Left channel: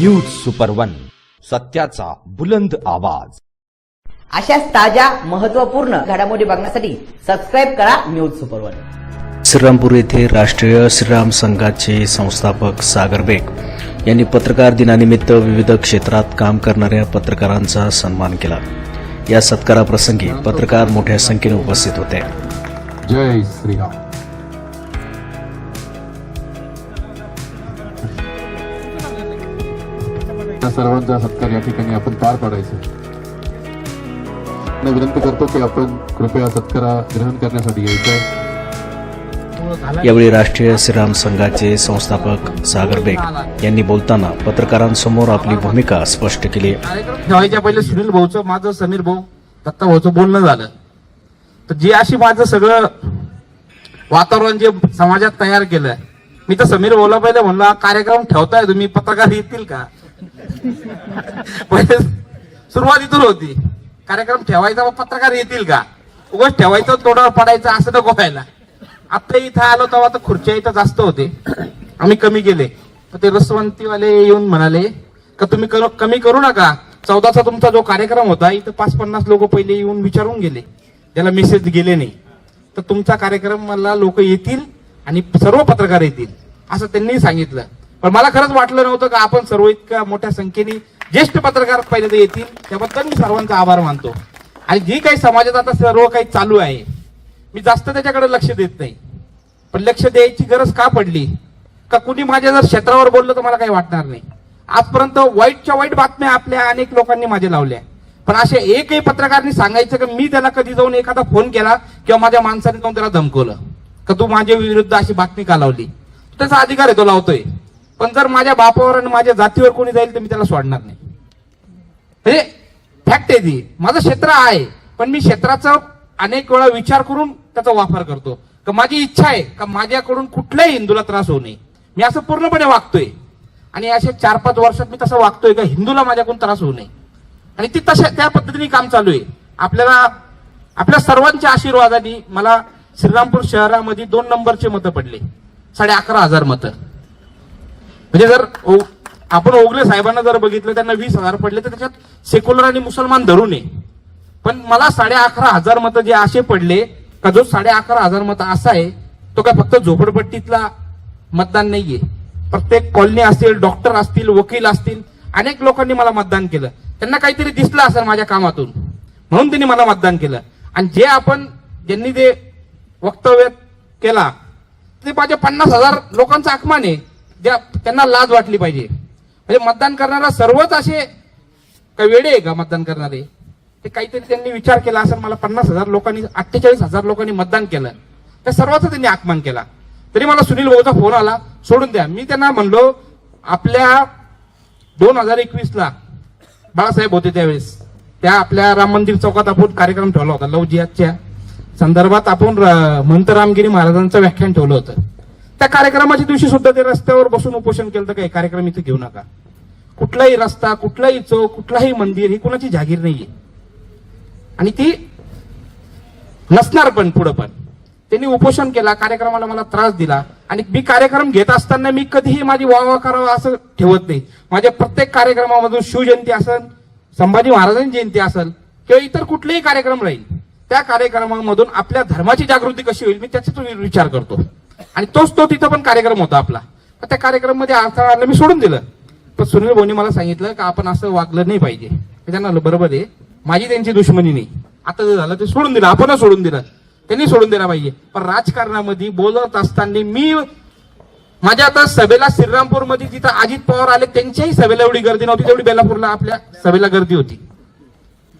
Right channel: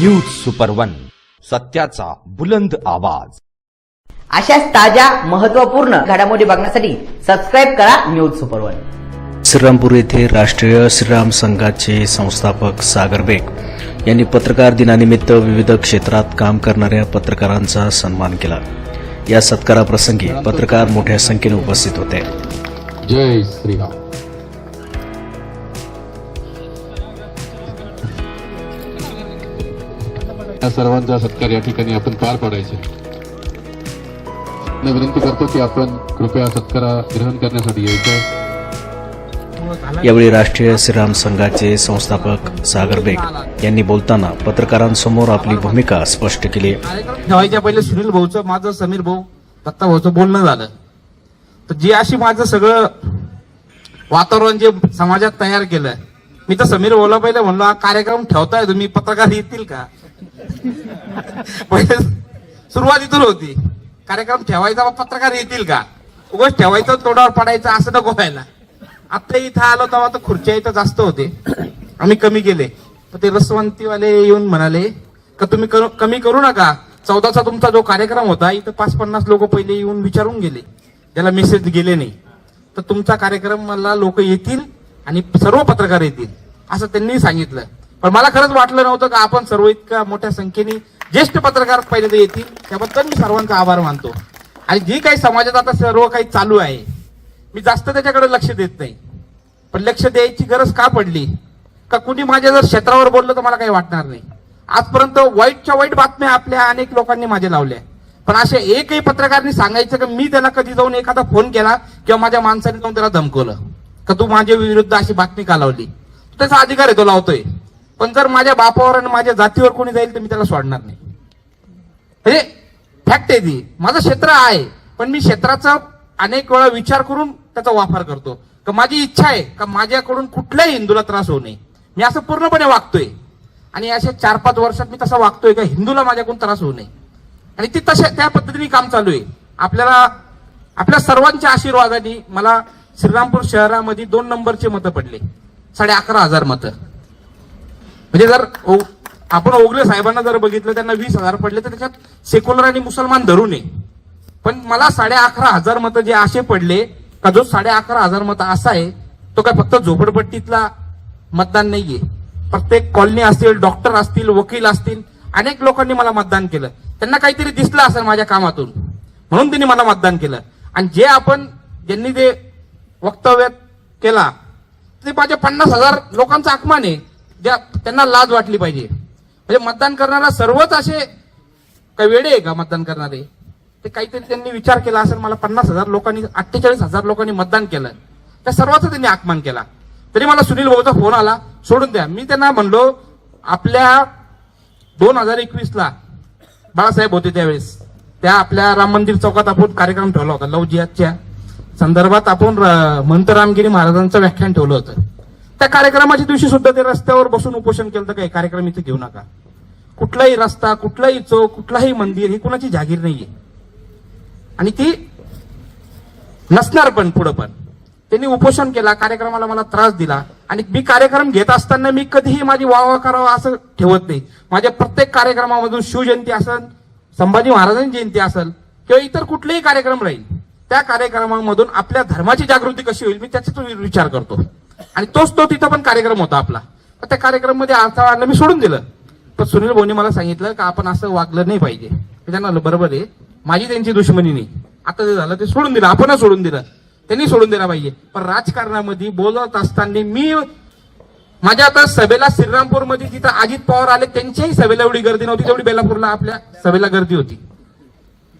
News super one सत्याचा बुलंद आवाज. अशाच ताज्या महत्त्वपूर्ण घडामोडी बघण्यासाठी सबस्क्राईब करा न्यूज सुपर वन श्रीरामपूर येथे राष्ट्रीय श्रीराम संघाचे संस्थापक सागर बेग यांनी पत्रकार दिनानिमित्त विविध क्षेत्रात काम करणाऱ्या पत्रकारांचा सन्मान केला. या सत्काराप्रसंगी पत्रकार मोठ्या संख्येने उपस्थित होते. जय श्रीराम. सर्वांचा सत्कार या ठिकाणी आपण पार पाडायचा मी विनंती करतो की आपण कृपया सत्कार ग्रहण करण्यासाठी यायचं यावेळी राष्ट्रीय श्रीराम संघाचे संस्थापक सागर बेग यांनी बोलताना पत्रकारांसमोर आपली भूमिका स्पष्ट केली. ठेवायच्या पहिले सुनील भाऊचं माझं समीर भाऊ दत्ता भाऊचं बोलणं झालं. तर जे अशी माझं सगळं वातावरण जे समाजात तयार केलंय मी तर समीर भाऊला पहिले म्हणलं कार्यक्रम ठेवताय तुम्ही पत्रकार येतील का? सुरुवातीतून सुरुवात इथून होती. कार्यक्रम ठेवायचा पत्रकार येतील का? उगाच ठेवायचं तोडावर पडायचं असं नको व्हायला. आता इथं आलो तेव्हा तर खुर्च्या इथं जास्त होते. आम्ही कमी केले. तर ते रसवंतीवाले येऊन म्हणाले का तुम्ही करू- कमी करू नका. चौदाचा तुमचा जो कार्यक्रम होता इथं पाच पन्नास लोक पहिले येऊन विचारून गेले. त्याला मेसेज गेले नाही. तर तुमचा कार्यक्रम मला लोक येतील आणि सर्व पत्रकार येतील. असं त्यांनी सांगितलं. पण मला खरंच वाटलं नव्हतं का आपण सर्व इतक्या मोठ्या संख्येने ज्येष्ठ पत्रकार पहिले ते येतील त्याबद्दल मी सर्वांचा आभार मानतो. आणि जी काही समाजात आता सर्व काही चालू आहे मी जास्त त्याच्याकडे लक्ष देत नाही. पण लक्ष द्यायची गरज का पडली? का कुणी माझ्या जर क्षेत्रावर बोललं तर मला काही वाटणार नाही. आजपर्यंत वाईटच्या वाईट बातम्या आपल्या अनेक लोकांनी माझ्या लावल्या. पण असे एकही पत्रकारांनी सांगायचं की मी त्याला कधी जाऊन एखादा फोन केला किंवा माझ्या माणसाने जाऊन त्याला धमकवलं? का तू माझ्या विरुद्ध अशी बातमी का लावली? त्याचा अधिकार आहे तो लावतोय. पण जर माझ्या बापावर आणि माझ्या जातीवर कोणी जाईल तर मी त्याला सोडणार नाही. हे फॅक्ट आहे ती. माझं क्षेत्र आहे पण मी क्षेत्राचा अनेक वेळा विचार करून त्याचा वापर करतो. का माझी इच्छा आहे का माझ्याकडून कुठल्याही हिंदूला त्रास होऊ नये. मी असं पूर्णपणे वागतोय. आणि असे चार पाच वर्षात मी तसं वागतोय का हिंदूला माझ्याकडून त्रास होऊ नये. आणि ती तशा त्या पद्धतीने काम चालू आहे. आपल्याला आपल्या सर्वांच्या आशीर्वादाने मला श्रीरामपूर शहरामध्ये दोन नंबरचे मतं पडले. साडे अकरा हजार मतं. म्हणजे जर ओ- आपण ओगले साहेबांना जर बघितलं त्यांना वीस हजार पडले तर त्याच्यात सेक्युलर आणि मुसलमान धरून आहे. पण मला साडे अकरा हजार मतं जे असे पडले का जो साडे अकरा हजार मतं असा आहे तो काय फक्त झोपडपट्टीतला मतदान नाहीये. प्रत्येक कॉलनी असतील डॉक्टर असतील वकील असतील अनेक लोकांनी मला मतदान केलं. त्यांना काहीतरी दिसलं असेल माझ्या कामातून. म्हणून त्यांनी मला मतदान केलं. आणि जे आपण ज्यांनी ते वक्तव्य केला ते माझ्या पन्नास हजार लोकांचा अपमान आहे. ज्या त्यांना लाज वाटली पाहिजे. म्हणजे मतदान करणारा सर्वच असे काय वेडे आहे का मतदान करणारे? ते काहीतरी त्यांनी विचार केला असेल मला पन्नास हजार लोकांनी अठ्ठेचाळीस हजार लोकांनी मतदान केलं. त्या सर्वांचा त्यांनी आगमन केला. तरी मला सुनील भाऊचा फोन आला सोडून द्या. मी त्यांना म्हणलो आपल्या दोन हजार एकवीसला बाळासाहेब होते त्यावेळेस. त्या आपल्या राम मंदिर चौकात आपण कार्यक्रम ठेवला होता लव जिहादच्या संदर्भात आपण महंत रामगिरी महाराजांचं व्याख्यान ठेवलं होतं. त्या कार्यक्रमाच्या दिवशी सुद्धा ते रस्त्यावर बसून उपोषण केलं तर काही कार्यक्रम इथे घेऊ नका. कुठलाही रस्ता कुठलाही चौक कुठलाही मंदिर ही कुणाची जागीर नाहीये. आणि ती नसणार पण पुढं पण. त्यांनी उपोषण केला कार्यक्रमाला मला त्रास दिला. आणि मी कार्यक्रम घेत असताना मी कधीही माझी वावा करावं असं ठेवत नाही. माझ्या प्रत्येक कार्यक्रमामधून शिवजयंती असेल संभाजी महाराजांची जयंती असेल किंवा इतर कुठलेही कार्यक्रम राहील त्या कार्यक्रमामधून आपल्या धर्माची जागृती कशी होईल मी त्याचा विचार करतो. आणि तोच तो तिथं पण कार्यक्रम होता आपला. त्या कार्यक्रममध्ये अडथळा आणणं मी सोडून दिलं. पण सुनील भाऊनी मला सांगितलं का आपण असं वागलं नाही पाहिजे. मी त्यांना बरोबर आहे. माझी त्यांची दुश्मनी नाही. आता जे झालं ते सोडून दिलं. आपणच सोडून दिलं. त्यांनी सोडून दिला पाहिजे. पण राजकारणामध्ये बोलत असताना मी माझ्या आता सभेला श्रीरामपूरमध्ये जिथं अजित पवार आले त्यांच्याही सभेला एवढी गर्दी नव्हती तेवढी बेलापूरला आपल्या सभेला गर्दी होती.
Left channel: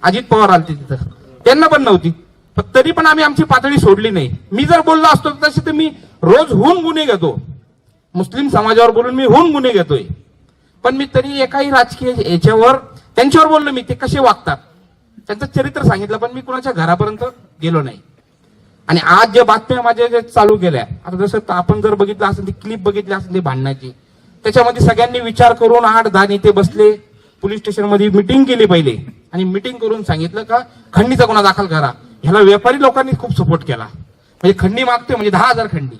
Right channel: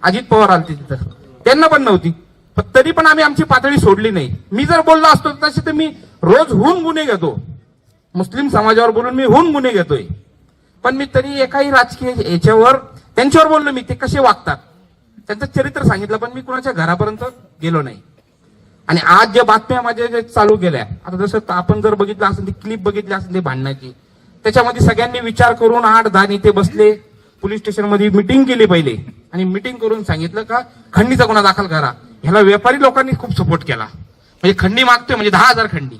अजित पवार आले तिथं. त्यांना पण नव्हती. पण तरी पण आम्ही आमची पातळी सोडली नाही. मी जर बोललो असतो तसे तर मी रोज होऊन गुन्हे घेतो. मुस्लिम समाजावर बोलून मी होऊन गुन्हे घेतोय. पण मी तरी एकाही राजकीय याच्यावर त्यांच्यावर बोललो मी ते कसे वागतात? त्यांचं चरित्र सांगितलं पण मी कुणाच्या घरापर्यंत गेलो नाही. आणि आज ज्या बातम्या माझ्या ज्या चालू केल्या आता जसं आपण जर बघितलं असेल ती क्लिप बघितली असेल ते भांडणाची त्याच्यामध्ये सगळ्यांनी विचार करून आठ दहा नेते बसले पोलीस स्टेशनमध्ये मिटिंग केली पहिले. आणि मिटिंग करून सांगितलं का खंडीचा गुन्हा दाखल करा. ह्याला व्यापारी लोकांनी खूप सपोर्ट केला. म्हणजे खंडी मागतोय म्हणजे दहा हजार खंडी.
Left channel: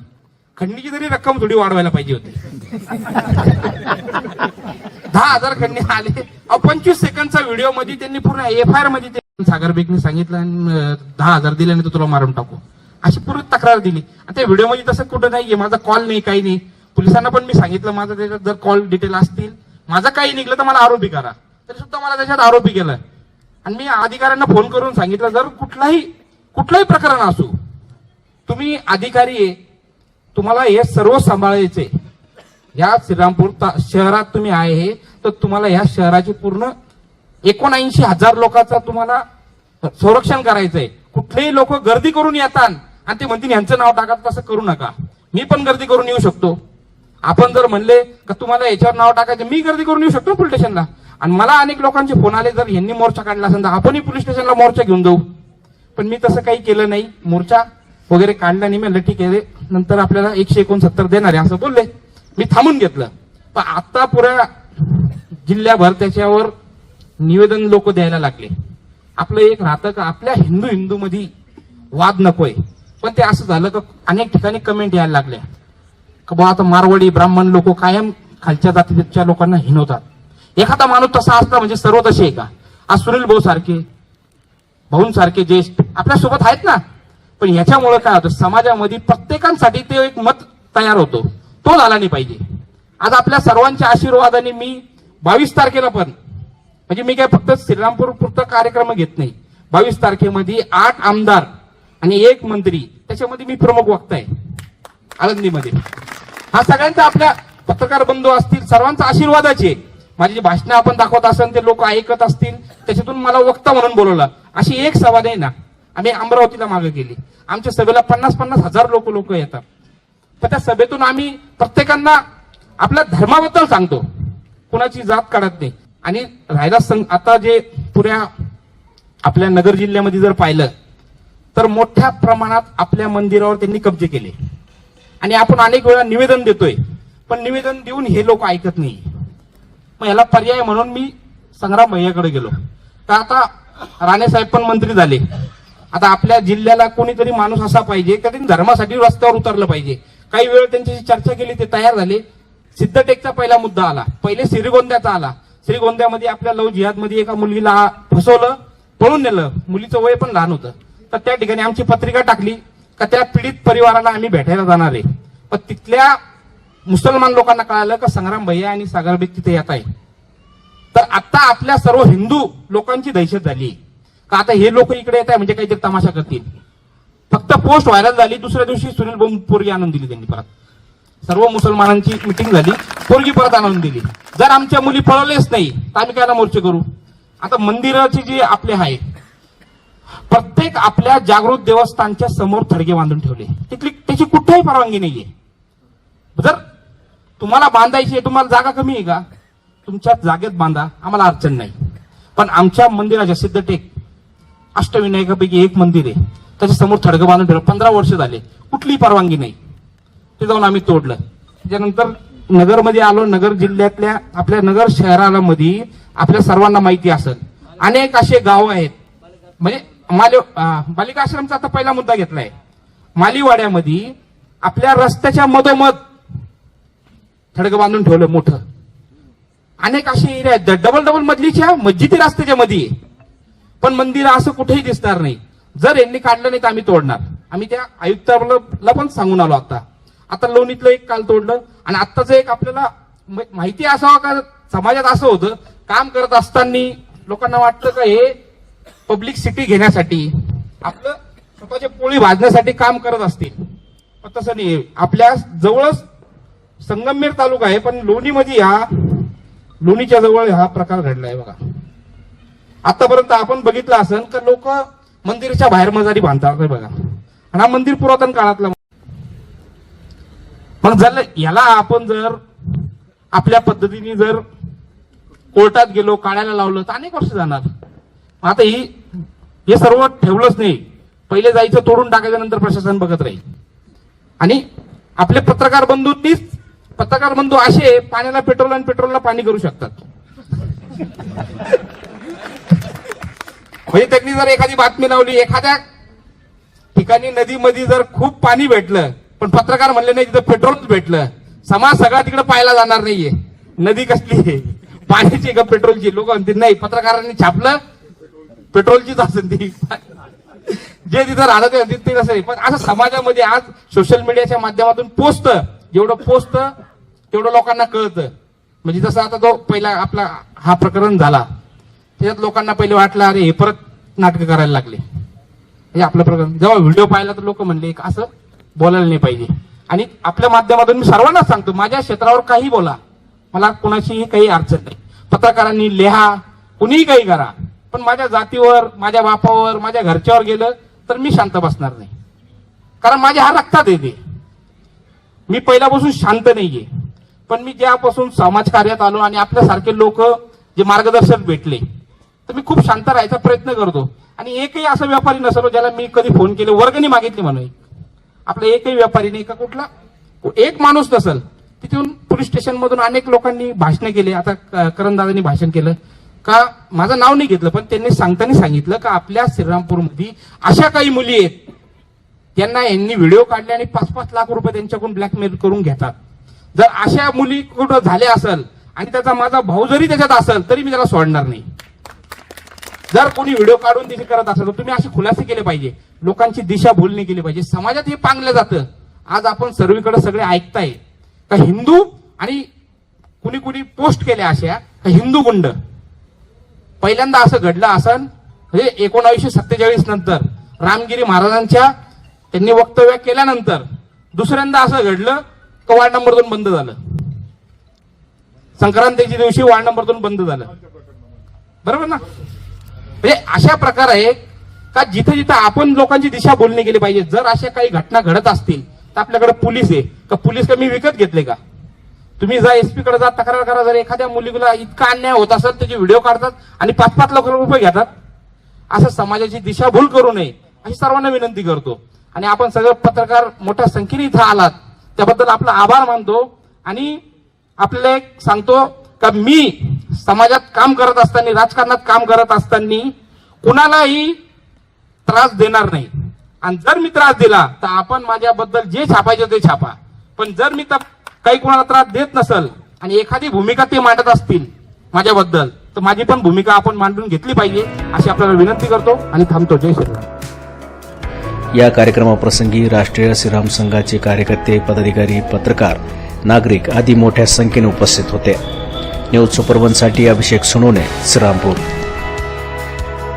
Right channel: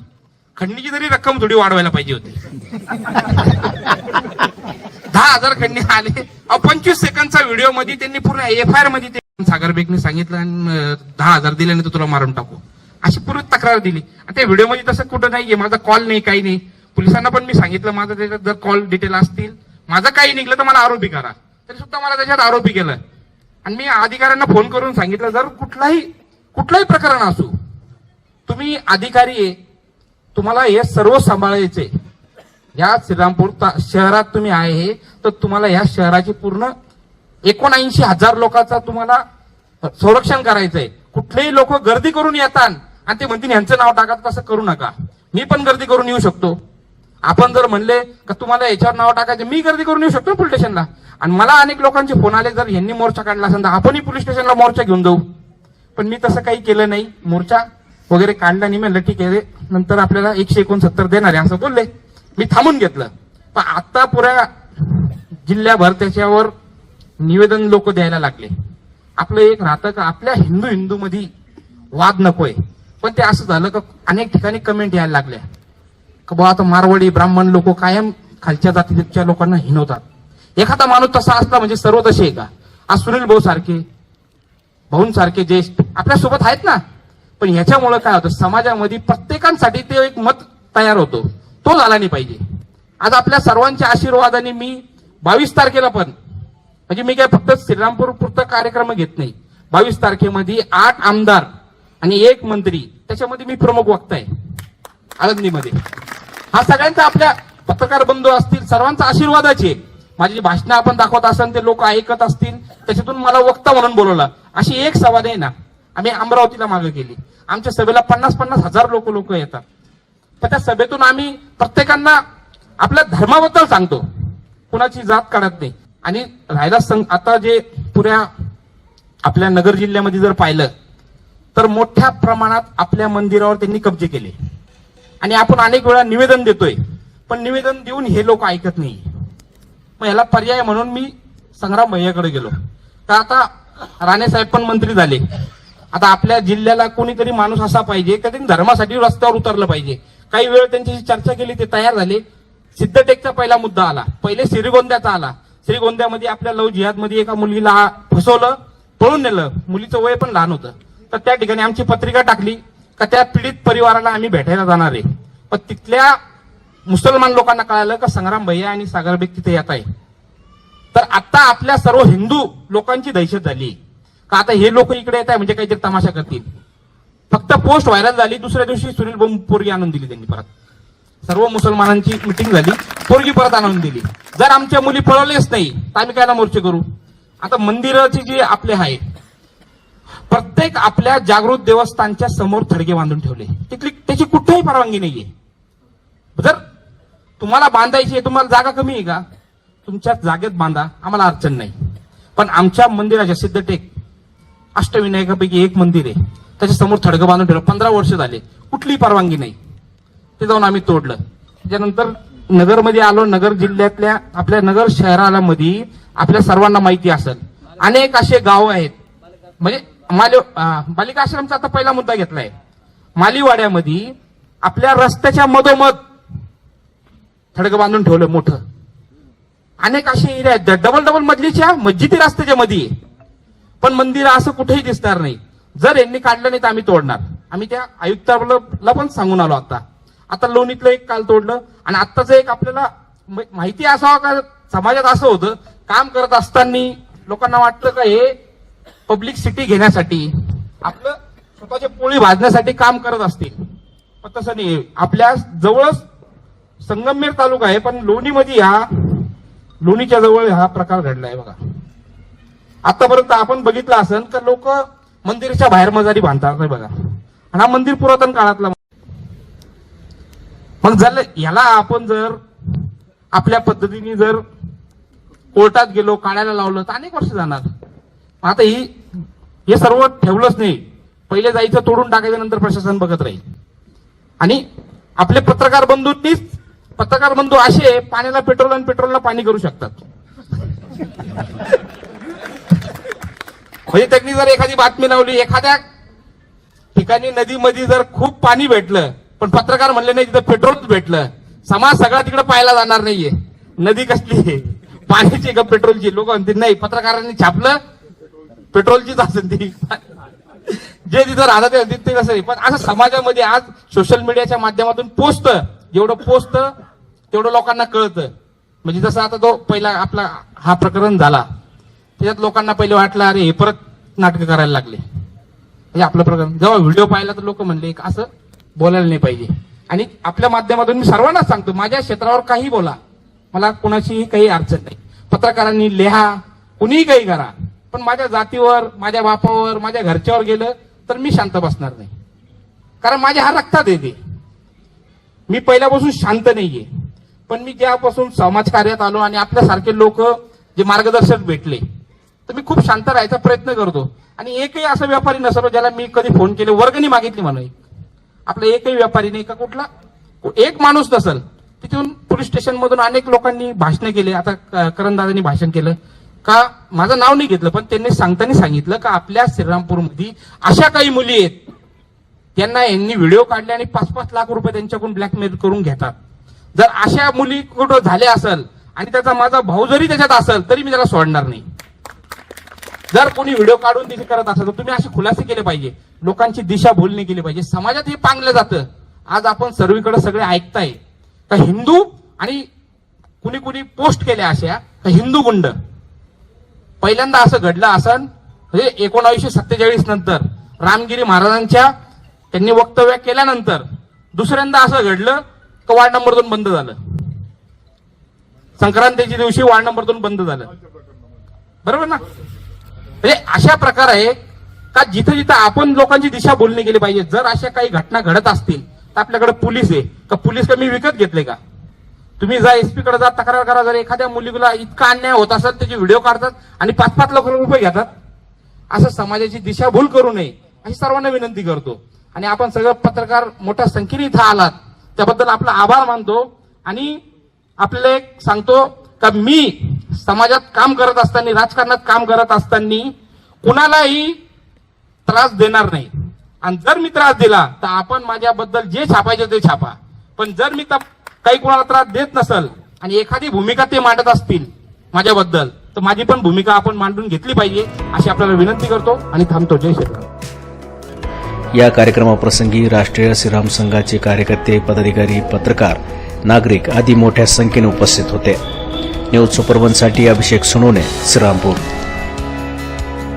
खंडीची तरी रक्कम थोडी वाढवायला पाहिजे होती. दहा हजार खंडी आले. पंचवीस सेकंदचा व्हिडिओमध्ये त्यांनी पूर्ण एफ आय आरमध्ये ते सागर बेगने सांगितलं आणि दहा हजार दिल्यानंतर तुला मारून टाकू. अशी पूर्ण तक्रार दिली. आणि त्या व्हिडिओमध्ये तसं कुठं नाहीये. माझा कॉल नाही काही नाही. पोलिसांना पण मी सांगितलं माझं त्याच्यात जर कॉल डिटेल असतील माझं काही निघलं तर मला आरोपी करा. तरी सुद्धा मला त्याच्यात आरोपी केलं. आणि मी अधिकाऱ्यांना फोन करून सांगितलं जर कुठलाही कुठलाही प्रकरण असू तुम्ही अधिकारी आहे तुम्हाला हे सर्व सांभाळायचे या श्रीरामपूर शहरात तुम्ही आहे तर तुम्हाला या शहराची पूर्ण एकोणऐंशी हजार लोकांचा तुम्हाला संरक्षण करायचंय. कुठलेही लोक गर्दी करून येतात आणि ते म्हणतील यांचं नाव टाकत तसं करू नका. मी पण गर्दी करून येऊ शकतो. आपण जर म्हणले का तुम्हाला याच्यावर नाव टाकायचं? मी गर्दी करून येऊ शकतो पोलीस स्टेशनला. आणि मला अनेक लोकांचे फोन आले जर यांनी मोर्चा काढला असेल तर आपणही पोलीस स्टेशनला मोर्चा घेऊन जाऊ. पण मी तसं काही केलं नाही. मोर्चा वगैरे काढला नाही म्हणलं ठीक आहे नंतर आपल्याला एकशे एकोणसत्तर देणार आहे असं बोलले. मी थांबून घेतलं. पण आता पुऱ्या जिल्ह्याभर त्याच्यावर निवेदन लोक द्यायला लागले. आपलं एक राहतं का आपल्या हिंदू हिंदू मध्ये वाद नकोय. पण ते असं झालं का अनेक ठिकाणी कमेंट यायला लागल्या. का बुवा आता मारवाडी ब्राह्मण लोक कायम खालच्या जातीच्या लोकांना हिनवतात एखादा माणूस तसा असला म्हणजे सर्व तसे आहे का? आज सुनील भाऊ सारखे भाऊंसारखे ज्येष्ठ आपल्यासोबत आहेत ना? पण ह्याच्यामुळे काय होतं समाजामध्ये प्रत्येकांसाठी ते एक मत तयार होतो. तो झाला नाही पाहिजे. आज आपल्या सर्वांच्या आशीर्वादाने मी बावीस तारखेला पण म्हणजे मी काय फक्त श्रीरामपूर पुरतं कार्यक्रम घेत नाही. बावीस तारखेमध्ये आठ आमदार आणि एक मंत्री त्याच्यामध्ये मी प्रमुख वक्ता आहे. आळंदीमध्ये. हा सगळ्यांचा आपल्या पत्रकार बंधू असतील सर्वांचा आशीर्वादाचे माझी जी भाषणं आपण दाखवत असाल ते लोक ऐकत असतील त्याच्यातून मला वक्ता म्हणून बोलवला. अशी एक सभा आहे ना. आम्ही अमरावतीला मागे केली. आमच्या सभेला पन्नास पन्नास हजार लोक लोक येतात. तर त्या सभेतून आम्ही प्रत्येकांना आपल्या धर्माबद्दल सांगतो. कुणाची जात काढत नाही. आणि राहिला संघ आता जे पुऱ्या आपल्या नगर जिल्ह्यामध्ये जर पाहिलं तर मोठ्या प्रमाणात आपल्या मंदिरावर त्यांनी कब्जे केले. आणि आपण अनेक वेळा निवेदन देतोय पण निवेदन देऊन हे लोक ऐकत नाही. मग याला पर्याय म्हणून मी संग्राम भैयाकडे गेलो. तर आता राणेसाहेब पण मंत्री झाले. आता आपल्या जिल्ह्याला कोणीतरी माणूस असा पाहिजे का त्यांनी धर्मासाठी रस्त्यावर उतरलं पाहिजे. काही वेळ त्यांच्याशी चर्चा केली ते तयार झाले. सिद्धटेकचा पहिला मुद्दा आला. पहिले श्रीगोंद्याचा आला. श्रीगोंद्यामध्ये आपल्या लव जिहादमध्ये एका मुलीला फसवलं पळून नेलं. मुलीचं वय पण लहान होतं. तर त्या ठिकाणी आमची पत्रिका टाकली का त्या पीडित परिवाराला आम्ही भेटायला जाणार आहे. पण तिथल्या मुसलमान लोकांना कळालं का संग्राम भैया आणि सागरबेग तिथे येत आहे तर आता आपल्या सर्व हिंदू लोकांची दहशत झाली. का आता हे लोक इकडे येत आहे म्हणजे काहीतरी तमाशा करतील. फक्त पोस्ट व्हायरल झाली दुसऱ्या दिवशी सुनील भाऊ पोरगी आणून दिली त्यांनी परत. सर्व मुसलमानांची मिटिंग झाली पोरगी परत आणून दिली. जर आमच्या मुली पळलेच नाही तर आम्ही काय मोर्चे करू? आता मंदिराचे जे आपले आहे प्रत्येक आपल्या जागृत देवस्थानच्या समोर थडगे बांधून ठेवले. तिथली त्याची कुठेही परवानगी नाहीये. जर तुम्हाला बांधायची आहे तुम्हाला जागा कमी आहे का? तुमच्या जागेत बांधा आम्हाला अडचण नाही. पण आमच्या मंदिराच्या सिद्धटेक अष्टविनायकापैकी एक मंदिर आहे. त्याच्यासमोर थडगं बांधून ठेवलं. पंधरा वर्ष झाले. कुठलीही परवानगी नाही. ते जाऊन आम्ही तोडलं. त्याच्यानंतर नगरमध्ये आलो नगर जिल्ह्यातल्या आपल्या नगर शहरामध्ये आपल्या सर्वांना माहिती असेल. अनेक असे गाव आहेत. म्हणजे माले बालिका आश्रमचा आता पहिला मुद्दा घेतलाय. मालीवाड्यामध्ये आपल्या रस्त्याच्या मधोमध थडगं बांधून ठेवलं मोठं. अनेक असे एरिया आहेत. डबल डबल मजलीच्या मस्जिदी रस्त्याच्या मध्ये पण मंदिर असं कुठेही दिसणार नाही. जर यांनी काढलं नाही तर आम्ही तोडणार. आम्ही त्या आयुक्ताला पण सांगून आलो आता. आता लोणीतलं एक काल तोडलं. आणि आत्ताचं एक आपल्याला माहिती असावं का? समाजात असं होतं काम करत असताना लोकांना वाटतं का हे पब्लिक सिटी घेण्यासाठी आपलं स्वतःच्या पोळी भाजण्यासाठी काम करत असतील. पण तसं नाही. आपल्या जवळच संगमनेर तालुका आहे पण लोणीमध्ये हा लोणीच्या जवळ हा प्रकार घडलाय बघा. आतापर्यंत आपण बघितलं असेल तर लोक मंदिराच्या बाहेर मजारी बांधतात बघा. आणि हा मंदिर पुरातन काळातला मग. जर याला आपण जर आपल्या पद्धतीने जर कोर्टात गेलो काढायला लावलं तर अनेक वर्ष जाणार. आता ही हे सर्व ठेवलंच नाही. पहिले जायचं तोडून टाकायच्या नंतर प्रशासन बघत राहील. आणि आपले पत्रकार बंधूंनीच पत्रकार म्हणतो असे पाण्याला पेट्रोल आणि पेट्रोलला पाणी करू शकतात. म्हणजे त्यांनी जर एखादी बातमी लावली एखाद्या ठिकाणी नदीमध्ये जर खूप पाणी भेटलं पण पत्रकार म्हणले नाही तिथं पेट्रोलच भेटलं. समाज सगळा तिकडे पाहायला जाणार नाहीये. नदी कसली आहे? पाण्याची का पेट्रोलची? लोक म्हणतील नाही पत्रकारांनी छापलं पेट्रोलचीच असेल ती. जे तिथं राहणार ते म्हणतील ते कसं आहे? पण असं समाजामध्ये आज सोशल मीडियाच्या माध्यमातून पोचतं जेवढं पोचत तेवढं लोकांना कळतं. म्हणजे जसं आता तो पहिला आपला हा प्रकरण झाला त्याच्यात लोकांना पहिले वाटलं अरे हे परत नाटकं करायला लागले. हे आपलं प्रकरण. जेव्हा व्हिडिओ पाहिला तर लोक म्हणले असं बोलायला नाही पाहिजे. आणि आपल्या माध्यमातून मी सर्वांनाच सांगतो माझ्या क्षेत्रावर काही बोला. मला कुणाशीही काही अडचण नाही. पत्रकारांनी लिहा कुणीही काही करा. पण माझ्या जातीवर माझ्या बापावर माझ्या घरच्यावर गेलं तर मी शांत बसणार नाही. कारण माझ्या हा रक्तात येते मी पहिल्यापासून शांत नाहीये. पण मी ज्यापासून समाजकार्यात आलो आणि आपल्यासारखे लोक जे मार्गदर्शक भेटले तर मी खूप शांत राहायचा प्रयत्न करतो. आणि एकही असं व्यापारी नसलो ज्याला मी कधी फोन केले वर्गणी मागितली म्हणून आपला एकही व्यापारी नाही का कुठला? एक माणूस नसल तिथून पोलीस स्टेशन मधून अनेक लोकांनी भाषणे केले. आता क- करणदादांनी भाषण केलं. का माझं नाव नाही घेतलं पण त्यांनी सांगताना सांगितलं का आपल्या श्रीरामपूरमध्ये अशा काही मुली आहेत. त्यांना यांनी व्हिडिओ काढले आणि पाच पाच लाख रुपये त्यांच्याकडून ब्लॅकमेल करून घेतात. जर अशा मुली कुठं झाल्या असेल आणि त्याचा माझा भाऊ जरी त्याच्यात असेल तरी मी त्याला सोडणार नाही. जर कोणी व्हिडिओ काढून तिथे करत असेल तर तुम्ही असे खुलासे केले पाहिजे. लोकांची दिशा बोलणी केली पाहिजे. समाजात हे पांगलं जातं. आज आपण सर्वीकडे सगळे ऐकताय का हिंदू आणि कुणी कुणी पोस्ट केल्या अशा तर हिंदू गुंड. पहिल्यांदा असं घडलं असं म्हणजे एकोणावीसशे सत्तेचाळीस नंतर रामगिरी महाराजांच्या त्यांनी वक्तव्य केल्यानंतर दुसऱ्यांदा असं घडलं वार्ड नंबर दोन बंद झालं. संक्रांतीच्या दिवशी वार्ड नंबर दोन बंद झालं. बरोबर ना? म्हणजे अशा प्रकार आहे का जिथं जिथं आपण लोकांची दिशा बोलणी केली पाहिजे जर अशा काही घटना घडत असतील तर आपल्याकडे पोलीस आहे. का पोलीस का मी विकत घेतले का? तुम्ही जा एसपी कडे जा तक्रार करा जर एखाद्या मुलीला इतका अन्याय होत असेल त्याचे व्हिडिओ काढतात आणि पाच पाच लाख रुपये घेतात. असं समाजाची दिशाभूल करू नये अशी सर्वांना विनंती करतो. आणि आपण सगळे पत्रकार मोठ्या संख्येने इथं आलात. त्याबद्दल आपला आभार मानतो आणि आपल्याला एक सांगतो का मी समाजात काम करत असताना राजकारणात काम करत असताना कुणालाही त्रास देणार नाही. आणि जर मी त्रास दिला तर आपण माझ्याबद्दल जे छापायचं ते छापा. पण जर मी काही कोणाला त्रास देत नसल आणि एखादी भूमिका ते मांडत असतील माझ्याबद्दल तर माझी पण भूमिका आपण मांडून घेतली पाहिजे अशी आपल्याला विनंती करतो आणि थांबतो. जय श्री या कार्यक्रमाप्रसंगी राष्ट्रीय श्रीराम संघाचे कार्यकर्ते पदाधिकारी पत्रकार नागरिक आदी मोठ्या संख्येने उपस्थित होते. न्यूज सुपरवनसाठी अभिषेक सोनोने श्रीरामपूर.